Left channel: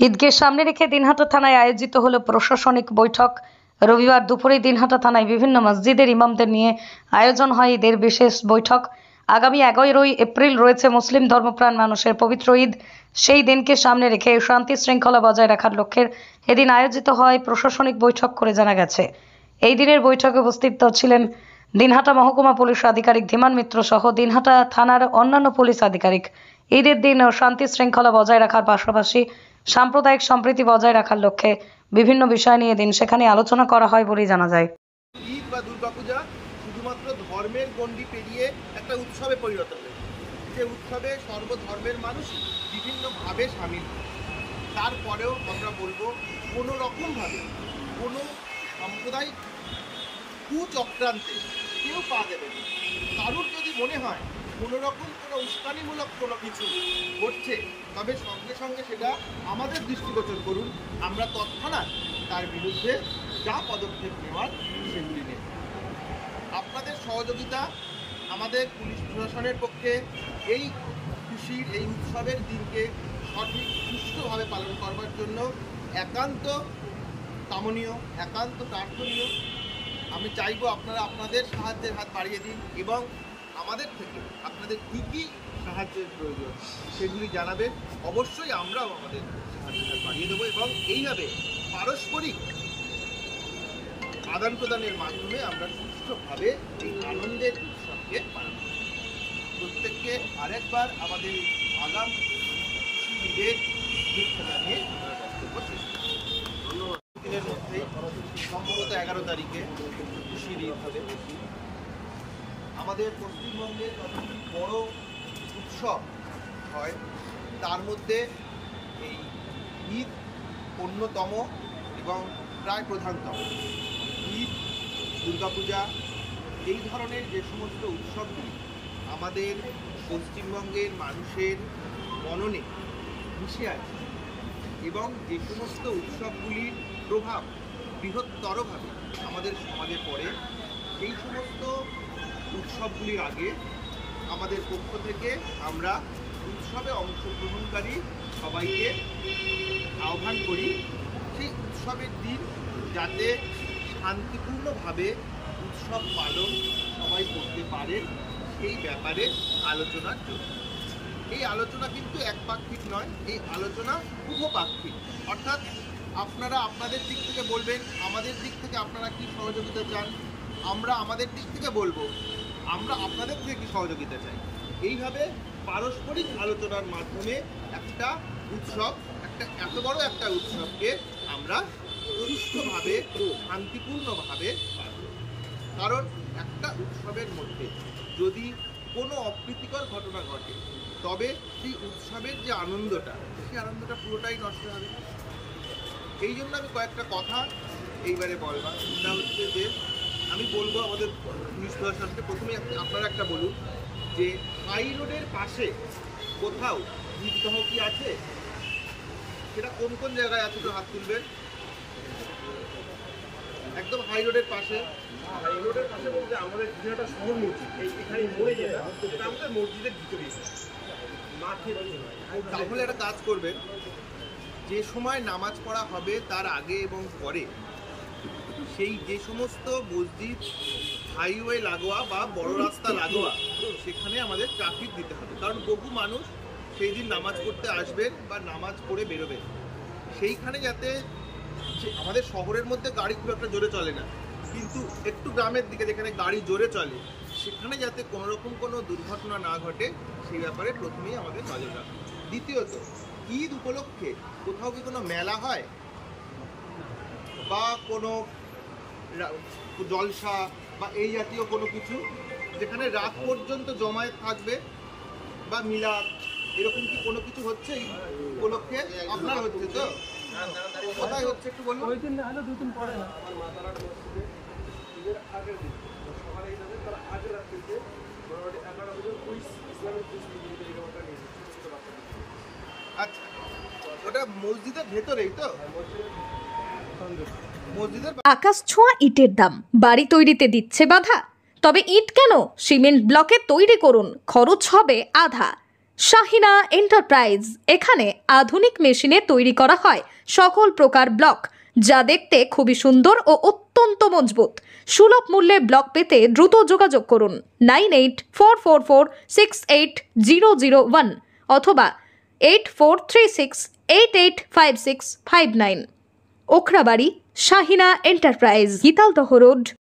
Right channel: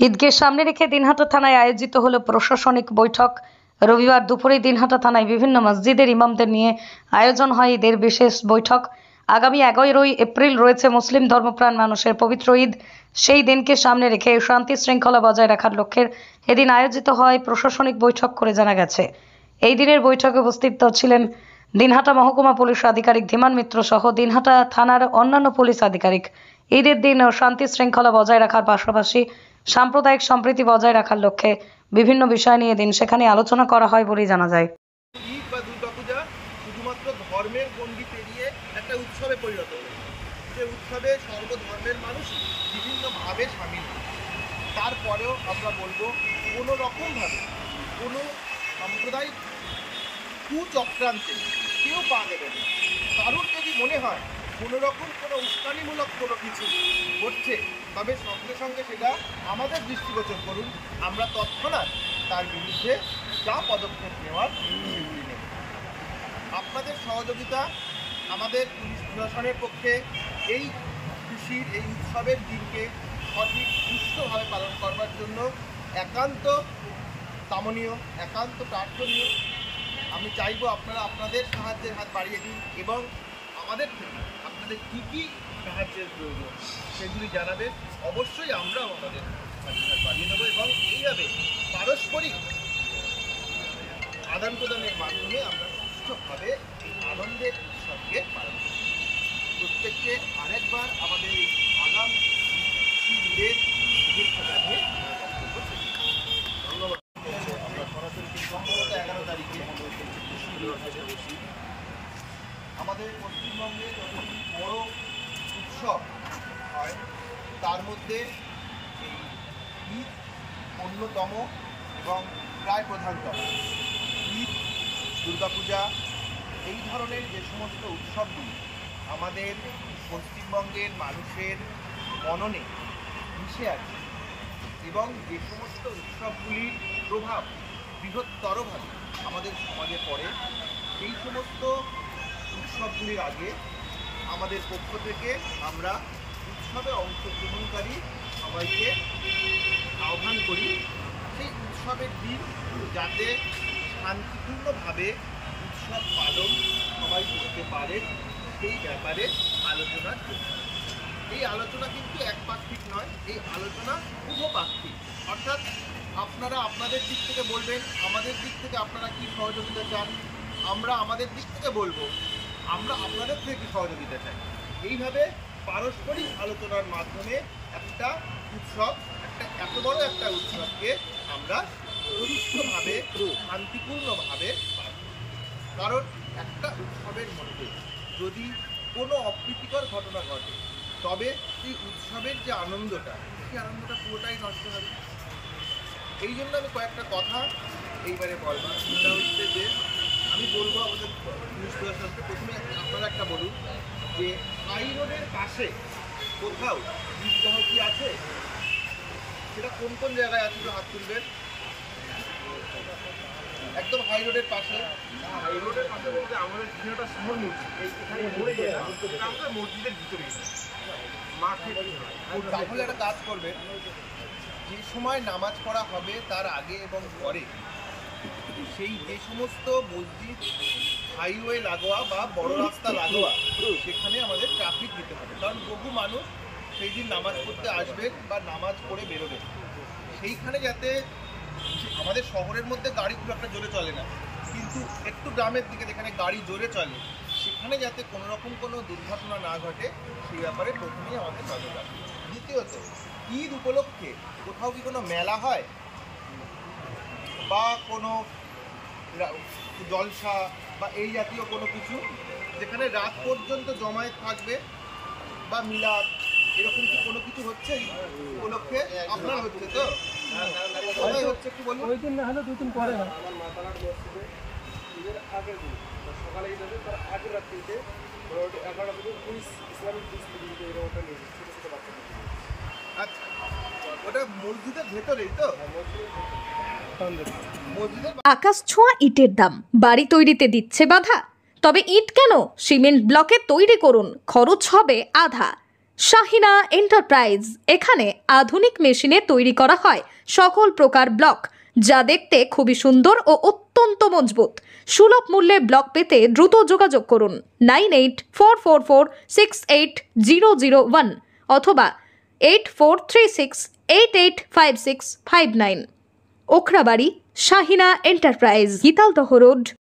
ঈদকে সামনে রেখে দিনহাটা থানায় আয়োজিত হলো প্রশাসনিক বৈঠক। রবিবার দুপুরে দিনহাটা থানায় বিভিন্ন মসজিদের ইমামদের নিয়ে আয়োজন হয় ঈদের বিশেষ বৈঠক। আগামী 11ই এপ্রিল রয়েছে মুসলিম ধর্মপ্রাণ মানুষের পবিত্র ঈদ। সেই দিনকে সামনে রেখে শান্তি শৃঙ্খলা বজায় রাখার লক্ষ্যে এদিন আয়োজিত হয় প্রশাসনিক বৈঠক করে জানা গেছে। এই দিনের বৈঠকে উপস্থিত ছিলেন দিনহাটা মহকুমা পুলিশ আধিকারিক ধীমান মিত্র সহ দিনহাটা থানার অন্যান্য পুলিশ আধিকারিক। ঈদের দিন শান্তি শৃঙ্খলা বজায় রাখার পাশাপাশি সাম্প্রদায়িক সম্প্রীতি বজায় রাখার লক্ষ্যে বিভিন্ন বিষয় নিয়ে দিন সেখানে আলোচনা করা হয় বলে জানা যায়। ঈদ বা দুর্গাপূজা শুধুমাত্র ধর্মের গণ্ডি পেরিয়ে একটা উৎসবে পরিণত হয়েছে, যে উৎসবে সর্বধর্মের মানুষ বিভিন্নভাবে সামিল। তারপরেও আমরা বলবো কোনো রকমভাবে কোনো সাম্প্রদায়িক কুচক্রান্তে কেউ পা দেবে না। কারোর যদি মনে হয় কোনো রকম কোনো উস্কানিমূলক কোনো কিছু ঘটছে, তবে সঙ্গে সঙ্গে সেটা আমাদের দৃষ্টিগোচর করুন। আমরা তৎক্ষণাৎ তার বিরুদ্ধে যা পদক্ষেপ নেওয়ার সেগুলি নেব। আপনাদের সহযোগিতা আমাদের পুলিশ প্রশাসনের পক্ষে এই খুশির এই উৎসবের দিনকে সঠিক সুষ্ঠুভাবে পালন করবার জন্য একান্ত কামনীয়, একান্ত প্রার্থনীয়। আমি চাইব আপনারা আপনাদের সাহায্যের হাত বাড়িয়ে দিন এবং আমাদের থেকে আপনাদের কী কী সাহায্যের প্রয়োজন সেগুলি জানাবেন। অবশ্যই আমরাও আমাদের সাহায্যের হাত বাড়িয়ে দেবো এবং এইভাবে পারস্পরিক আদান প্রদানের মাধ্যমে আমরা সুষ্ঠুভাবে এই আনন্দের উৎসবকে পালন করব। প্রত্যেককে আরেকবার আমাদের আগাম ঈদের শুভেচ্ছা জানিয়ে আমরা বক্তব্য শেষ করছি। ধন্যবাদ। সম্ভবত 11 তারিখে আমাদের পশ্চিমবঙ্গে সবচেয়ে বড় উৎসব হয়, তার মধ্যে এই ঈদ অন্যতম এবং প্রায় প্রধানতম। ঈদ, দুর্গাপূজা এই ধরনের যে সমস্ত উৎসবগুলি আমাদের পশ্চিমবঙ্গের মানুষের মননে মিশে আছে এবং যে সমস্ত উৎসবগুলির প্রভাব বৃহত্তরভাবে আমাদের সমাজে পড়ে, সেই সমস্ত উৎসবগুলির আগে আমাদের পক্ষ থেকে আমরা উৎসবে অংশগ্রহণকারী সবাইকে আহ্বান করি সেই উৎসবের দিন যাতে শান্তিপূর্ণভাবে উৎসব পালন সবাই করতে পারেন সেই ব্যাপারে আলোচনার জন্য। এই আলোচনা কিন্তু একপাক্ষিক নয়, এই আলোচনা উভপাক্ষিক, অর্থাৎ আপনারা আপনাদের দিক থেকে বলবেন আমাদের দিক থেকে আপনারা কি সহযোগিতা চান, আমরা আমাদের দিক থেকে বলবো আমরা আপনাদের থেকে কি সহযোগিতা চাই। এইভাবে পারস্পরিক আলোচনার মাধ্যমে একটা উৎসব, একটা এত বড় একটা উৎসবকে আমরা সুষ্ঠুভাবে শান্তিপূর্ণভাবে পার করব। কারণ একটা উৎসবের মধ্যে যদি কোনো অপ্রীতিকর ঘটনা ঘটে, তবে সেই উৎসবের যে আনন্দটা, সেই আনন্দটা পুরোটাই নষ্ট হবে। এই জন্য আমি কয়েকটা কথা এইবারে বলবার, সেটা হচ্ছে যে আমি বলবো আমাদের পুলিশ প্রশাসনকে, প্রথমে আপনারা একটা বলুন যে হাই রোডের পাশে কোথাও ঈদগাহ কি আছে, সেটা কোন কোন জায়গায় আছে একটু হাত তুলবেন। একদম হাই রোডের পাশে। হাই রোডের পাশে বলতে আমাদের দিনহাটা শহর মসজিদ, এখানে মরে যেটা সেটা আমাদের মসজিদের ভিতরে মাঠে। তাহলে একটা কাজ করবেন, যে সময় নামাজ পড়া হবে তার আগে এবং পরে সেই যে সমস্ত মসজিদ হাইওয়ে লাগোয়া বা বড় রাস্তা লাগোয়া, সেখানে আমাদের ট্রাফিক দিতে হবে। কারণ বহু মানুষ সেই দিন নামাজ পড়তে আসবেন বা নামাজ পড়ে বেরোবেন, সেইখানে যাতে আমাদের শহরের মধ্যে গাড়ি খুব একটা জোরে চলে না, কিন্তু একটু গ্রামের দিকে যেখানে গাড়ি জোরে চলে সেখানে যাতে কোনো রকম কোনো দুর্ঘটনা না ঘটে সেই ব্যাপারে প্রথমেই আমাদের নজর রাখতে হবে। দ্বিতীয়ত, ঈদ উপলক্ষে কোথাও কি কোনো মেলা হয় বা কোনো জলসা বা এই জাতীয় কোনো কিছু যেখানে রাত পর্যন্ত জমায়েত থাকবে বা মিলাদ, এরকম কি কোনো কিছু হচ্ছে উপলক্ষে? আপনার হচ্ছে তো? কোথায় হচ্ছে একটু বলুন। ওই দিন না হলে দুদিন পরে না, আগের দিন সকালে আগের রাত্রিতে 11টা পর্যন্ত পুলিশ ইসলামিক পুলিশ। আচ্ছা, ওটা মসজিদের ভেতরেই তো? আকাশ ছোঁয়া ইটের দাম বাড়ি তৈরিতে দিচ্ছে বাধা? তবে ইট কেন, সিমেন্ট ব্লকে তৈরি করুন, খরচ হবে আধা। শাহিনা এন্টারপ্রাইজ, এখানে আধুনিক মেশিনে তৈরি করা হয় সকল প্রকার ব্লক, যা দেখতে খুবই সুন্দর ও অত্যন্ত মজবুত। সুলভ মূল্যে ব্লক পেতে দ্রুত যোগাযোগ করুন 9844468001 অথবা 8436885659। Okhrabari, Shahina enterprise, Gitaldaha road,